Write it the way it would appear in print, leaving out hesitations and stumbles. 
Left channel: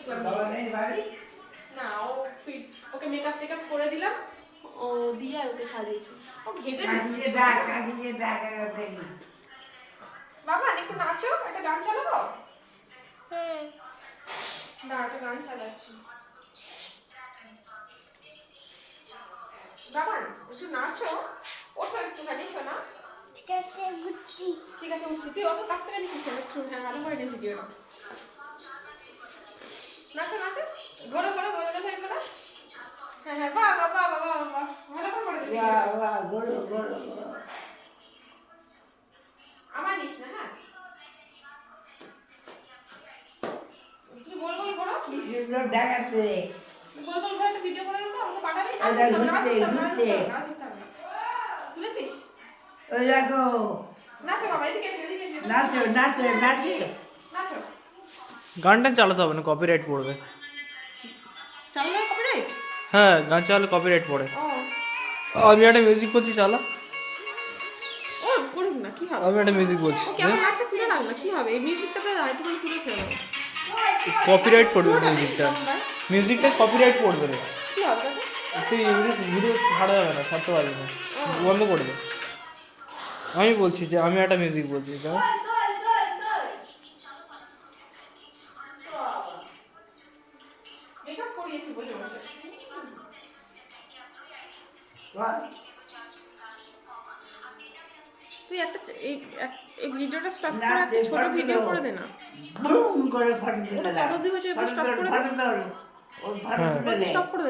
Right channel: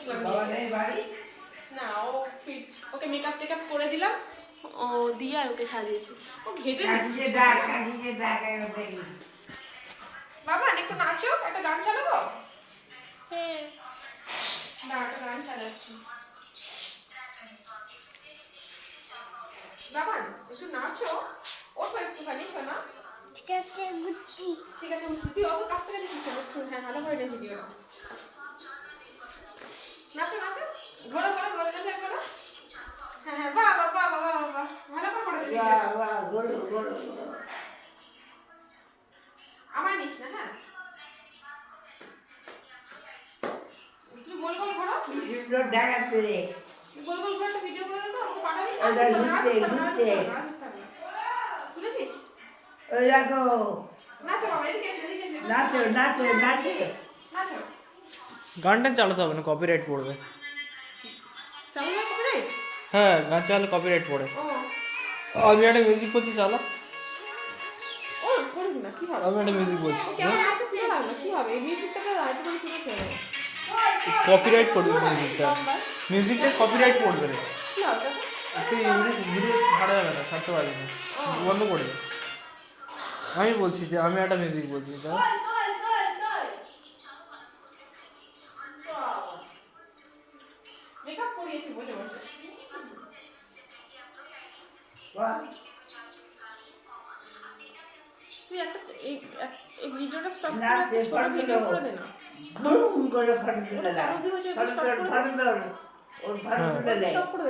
করছিলাম বাবা নেই বাড়ি? না ও ফিট ওকে মেকআপ টেকআপ করে দিলাম ও দিয়ে আর ওকে সাজিয়েছি ও ঘেটে দিচ্ছে কাকিকে ডাক একবার দেখি। বাবা একটু নাচো একটা গান চালাবো না একটা গান চালাচ্ছি বাবা একটু নাচো ওঠো একটুখানি শোনা ঠিক আছে উঠছি তুই অত কাছ থেকে নিচ্ছিস একটু হ্যাঁ ভালো করে নিয়েছি দিও না নাচো নাচো ঘোরো ঘোরো ঘোরো ঘোরো ঘোরো হ্যাঁ হ্যাঁ বাহ বাহ বাহ বাহ বাহ ভালো করে করে দিবি আমার নিস না হ্যাঁ তুই গোল গোল ঘোরো ডাকাতে গোল গোল ঘোরো একটা ভিডিও করে দিতে আমাকে পাঠাবি তুলেছিস ওই দেখো নাচো বাবা এদিকে এসো এদিকে এসো নাচো নাচো নাচো নাচো গানটা চালাতে হবে না, কপিরাইট পড়বে। চালু হয় কপিরাইট হ্যাঁ, গান চালালে কপিরাইট পড়ে। ও আমি একটা মিউজিক করছি, চালা। ও পড়িস না কি হবে আমি একটা মিউজিক বলছি, কেমন নাচে তুলে রাখ না কি হবে এই মিউজিকটাতে আইটেম তুলে ছেড়ে দেবো কপিরাইট পড়বে মিউজিকটা। মিউজিকটা কপিরাইট পড়বে না, কি হবে তাতে তুই ভিডিও ছাড়া যাবে না, ছাড়তে পারবি না, বন্ধ করে দে। আমি বলছি যে আমি একটা মিউজিক বলছি, তাই মেকআপ করিয়েছি বসে বসে তুই একটা এই ভিডিওটা স্টপ করে একটা ছোট ভিডিও করে দে না বুম করে ফাটিয়ে ওটা চাদর দিয়ে স্টপ করে দে ওর ফাটিয়ে স্টপ করে দে